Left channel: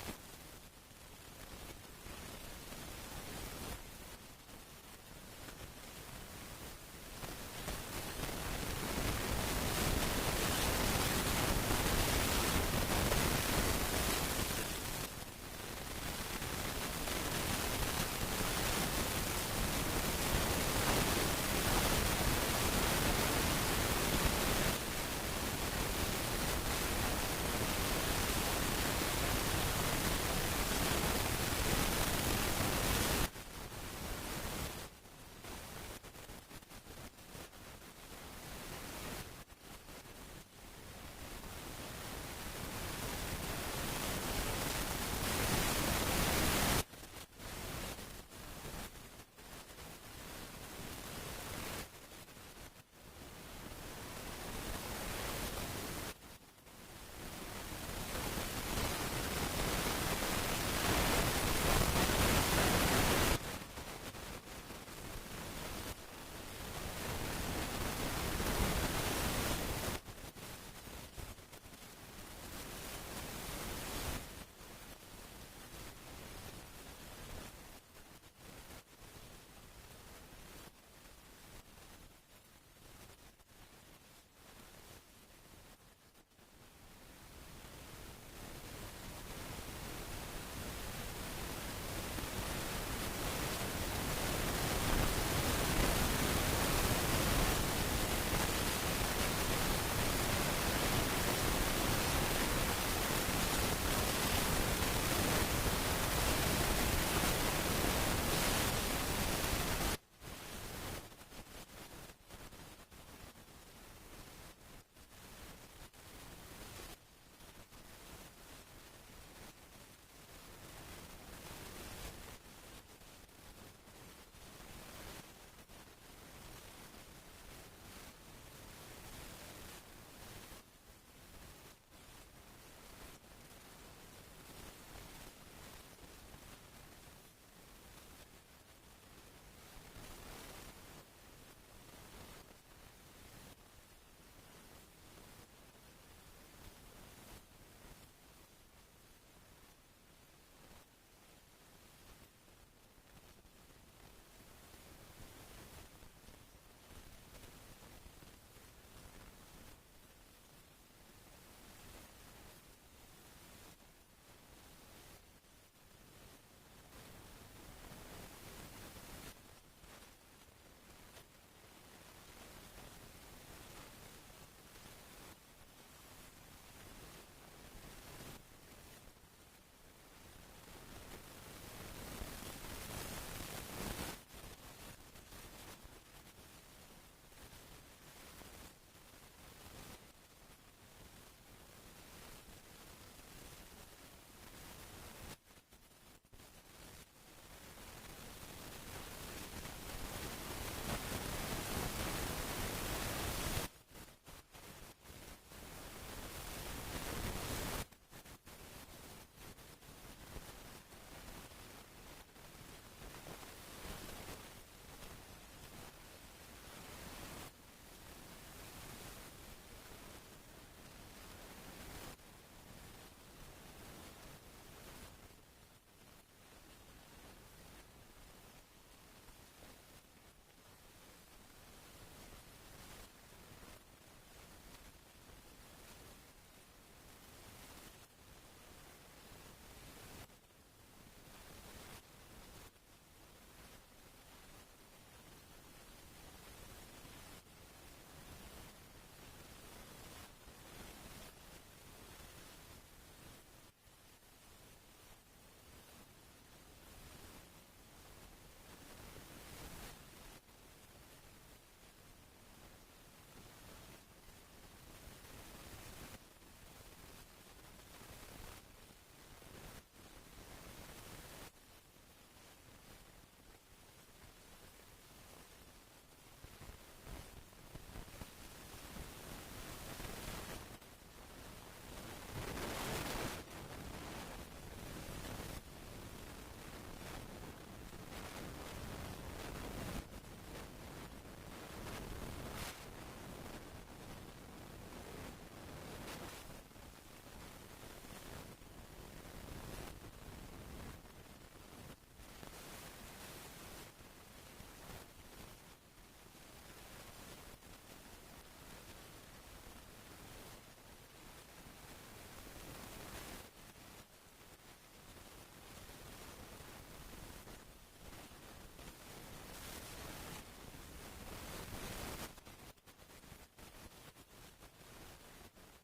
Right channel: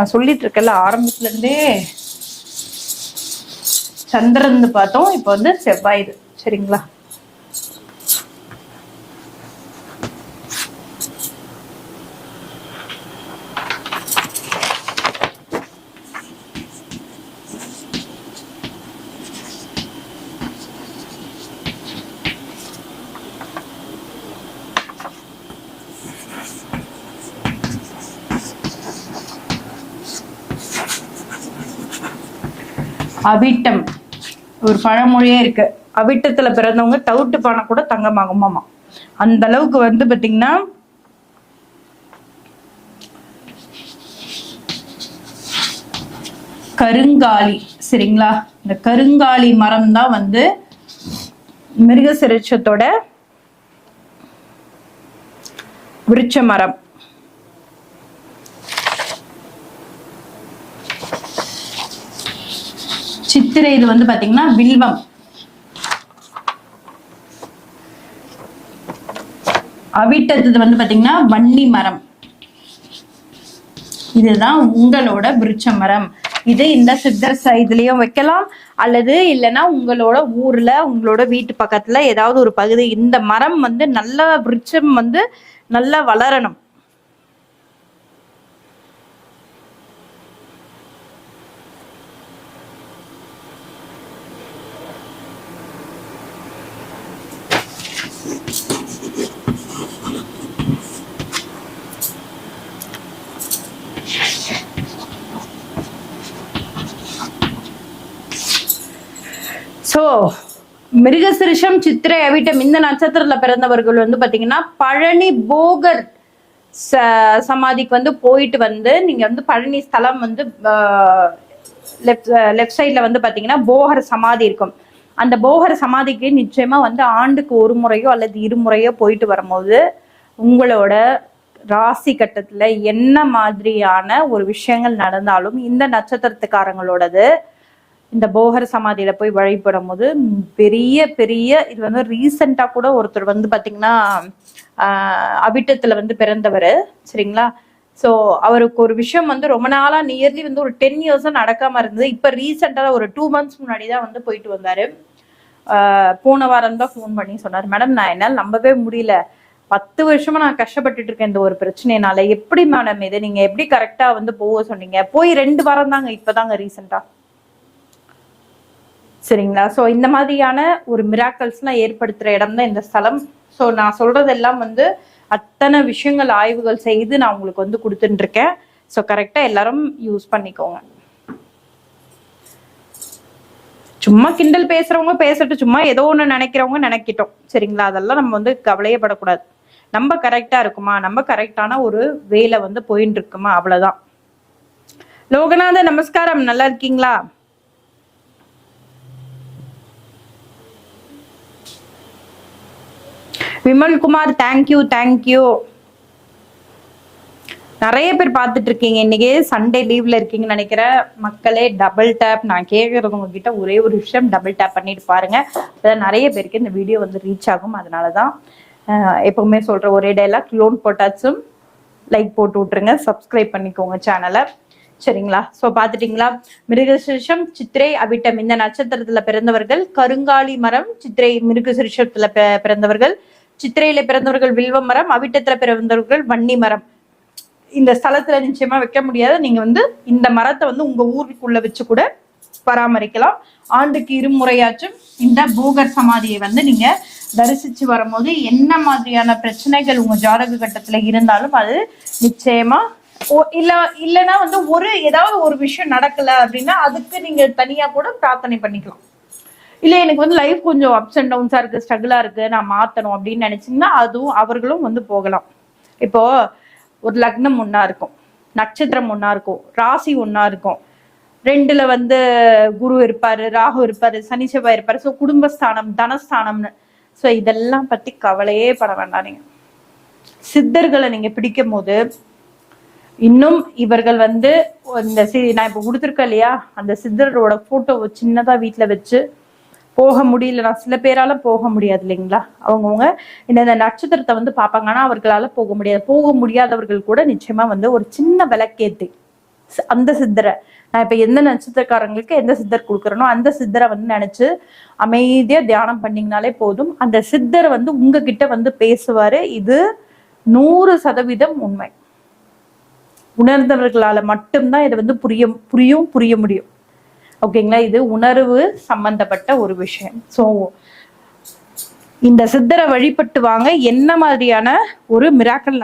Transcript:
நான் சொல்லிட்டு இருக்கேன்ல ஆரம்பத்துல இருந்தே சந்திரன் பார்த்தோம், இப்போ வந்து செவ்வாய். சரிங்களா? அவிட்டம் ஒரு பழமொழியே இருக்கு, அவிட்டத்துல பிறந்தவங்க தவிட்டு பானை கூட தங்கமாகுமாமா. அந்த அளவுக்கு வந்து பாத்தீங்கன்னா கருங்காலி. சரிங்களா? இந்த கருங்காலி மரம் தான் வந்து மிருகசிரிஷத்தோட விருட்ச மரம். சித்திரை இது வந்து பாத்தீங்கன்னா வில்வம். அவிட்டது வந்து பாத்தீங்கன்னா வன்னி மரம். இதுதான் உங்களோட விருட்ச மரம். இது இந்த சித்தர் இதுலயும் வைக்கலாம், அல்லது இல்லைன்னா உங்களோட ஊர்ல உங்களோட வீட்டு பக்கத்துல ஏதாவது ஒரு பகுதி இந்த மரம் வந்து நல்ல விருட்சம் வந்து நல்லா வளரணும். சோ மிருகசிரிஷம், சித்திரை, அவிட்டம் இந்த நட்சத்திரத்துல பிறந்தவர்கள் வந்து பாத்தீங்கன்னா பழனி போகர் சமாதிக்கு வந்து போயிட்டு வந்து நீங்க வந்து பழனி ஸ்தலம் வந்து லெஃப்ட் சைட்ல வந்து பாத்தீங்கன்னா போகர் சமாதி இருக்கும். அந்த போகர் சமாதிக்கு நிச்சயமா வந்து ஆண்டுக்கு ஒரு முறையோ அல்லது இருமுறையோ போயிட்டு வரும்போது உங்களோட ராசி கட்டத்துல என்ன மாதிரியான ஒரு விஷயங்கள் நடந்தாலும் இந்த நட்சத்திரத்துக்காரங்களோடது இந்த போகர் சமாதியில போய் வழிபடும் போது பெரிய பெரிய இது வந்து ரீசெண்டா கூட ஒருத்தர் வந்து பாத்தீங்கன்னா அவிட்டத்துல வந்து பிறந்தவர். சரிங்களா? ஸோ அவருக்கு ஒரு விஷயம் வந்து ரொம்ப நாளா நியர்லி வந்து ஒரு 10 இயர்ஸா நடக்காம இருந்தது. இப்ப ரீசெண்டா ஒரு 2 months முன்னாடிதான் வந்து போயிட்டு வந்தாரு. போன வாரம் தான் ஃபோன் பண்ணி சொன்னார், மேடம் நான் என்னால் நம்பவே முடியல, 10 வருஷமா நான் கஷ்டப்பட்டுட்டு இருக்கேன் இந்த ஒரு பிரச்சனைனால, எப்படி மேடம் இதை நீங்க எப்படி கரெக்டா வந்து போக சொன்னீங்க? போய் 2 வாரம் தாங்க, இப்பதாங்க ரீசெண்டா. சரிங்களா? ஸோ இந்த மாதிரியான ஒரு மிராக்கல்ஸ்லாம் ஏற்படுத்துற இடம் தான் இந்த ஸ்தலம். ஸோ நான் சொல்றதெல்லாம் வந்து அத்தனை விஷயங்கள் ஆய்வுகள் செய்து நான் உங்களுக்கு வந்து கொடுத்துட்டு இருக்கேன். ஸோ கரெக்டா எல்லாரும் யூஸ் பண்ணிக்கோங்க. சும்மா கிண்டல் பேசுறவங்க பேசட்டும், சும்மா ஏதோ ஒண்ணு நினைக்கிறவங்க நினைக்கிட்டோம். சரிங்களா? அதெல்லாம் நம்ம வந்து கவலையப்படக்கூடாது. நம்ம கரெக்டா இருக்குமா, நம்ம கரெக்டான ஒரு வேலை வந்து போயிட்டு இருக்குமா, அவ்வளவுதான். லோகநாத நமஸ்காரம், நல்லா இருக்கீங்களா? Vimal Kumar thank you thank you. நிறைய பேர் பார்த்துட்டு இருக்கீங்க, இன்னைக்கு சண்டே லீவ்ல இருக்கீங்கன்னு நினைக்கிற மக்களே. டபுள் டேப், நான் கேட்கறது உங்ககிட்ட ஒரே ஒரு விஷயம், டபுள் டேப் பண்ணிட்டு பாருங்க. அதான் நிறைய பேருக்கு இந்த வீடியோ வந்து ரீச் ஆகும். அதனாலதான் எப்பவுமே சொல்ற ஒரே டைலாக், லோன் போட்டாச்சும் லைக் போட்டு விட்டுருங்க, சப்ஸ்கிரைப் பண்ணிக்கோங்க சேனலை. சரிங்களா? ஸோ பார்த்துட்டீங்களா? மிருகசிரிஷம், சித்திரை, அவிட்டம் இந்த நட்சத்திரத்துல பிறந்தவர்கள் கருங்காலி மரம், சித்திரை மிருகசிரிஷத்துல பிறந்தவர்கள், சித்திரையில பிறந்தவர்கள் வில்வ மரம், அவிட்டத்துல பிறந்தவர்கள் வன்னி மரம். இந்த ஸ்தலத்துல நிச்சயமா வைக்க முடியாது. நீங்க வந்து இந்த மரத்தை வந்து உங்க ஊருக்குள்ள வச்சு கூட பராமரிக்கலாம். ஆண்டுக்கு இருமுறையாச்சும் இந்த போகர் சமாதியை வந்து நீங்க தரிசிச்சு வரும்போது என்ன மாதிரியான பிரச்சனைகள் உங்க ஜாதக கட்டத்துல இருந்தாலும் அது நிச்சயமா இல்லைன்னா வந்து ஏதாவது ஒரு விஷயம் நடக்கல அப்படின்னா அதுக்கு நீங்க தனியா கூட பிரார்த்தனை பண்ணிக்கலாம். இல்ல எனக்கு வந்து லைஃப் கொஞ்சம் அப்ஸ் அண்ட் டவுன்ஸா இருக்கு, ஸ்ட்ரகிளா இருக்கு, நான் மாத்தணும் அப்படின்னு நினைச்சீங்கன்னா அதுவும் அவர்களும் வந்து போகலாம். இப்போ ஒரு லக்னம் ஒன்னா இருக்கும், நட்சத்திரம் ஒன்னா இருக்கும், ராசி ஒன்னா இருக்கும், 2ல வந்து குரு இருப்பாரு, ராகு இருப்பாரு, சனி செவ்வாய் இருப்பாரு. ஸோ குடும்பஸ்தானம், தனஸ்தானம்னு. ஸோ இதெல்லாம் பத்தி கவலையே பட வேண்டாம். நீங்க சித்தர்களை நீங்க பிடிக்கும் போது இன்னும் இவர்கள் வந்து இந்த நான் இப்ப கொடுத்துருக்கேன் இல்லையா, அந்த சித்தரோட போட்டோ சின்னதா வீட்டுல வச்சு போக முடியலன்னா சில பேரால போக முடியாது இல்லைங்களா, அவங்கவுங்க இந்த நட்சத்திரத்தை வந்து பார்ப்பாங்க. ஆனா அவர்களால போக முடியாது. போக முடியாதவர்கள் கூட நிச்சயமா வந்து ஒரு சின்ன விளக்கேத்தி அந்த சித்தரை நான் இப்ப எந்த நட்சத்திரக்காரங்களுக்கு எந்த சித்தர் கொடுக்குறனோ அந்த சித்தரை வந்து நினைச்சு அமைதியா தியானம் பண்ணீங்கனாலே போதும். அந்த சித்தர் வந்து உங்ககிட்ட வந்து பேசுவாரு. இது 100% உண்மை. உணர்ந்தவர்களால மட்டும்தான் இதை வந்து புரிய முடியும். ஓகேங்களா? இது உணர்வு சம்பந்தப்பட்ட ஒரு விஷயம். ஸோ இந்த சித்தரை வழிபட்டு வாங்க. என்ன மாதிரியான ஒரு மிராக்கல்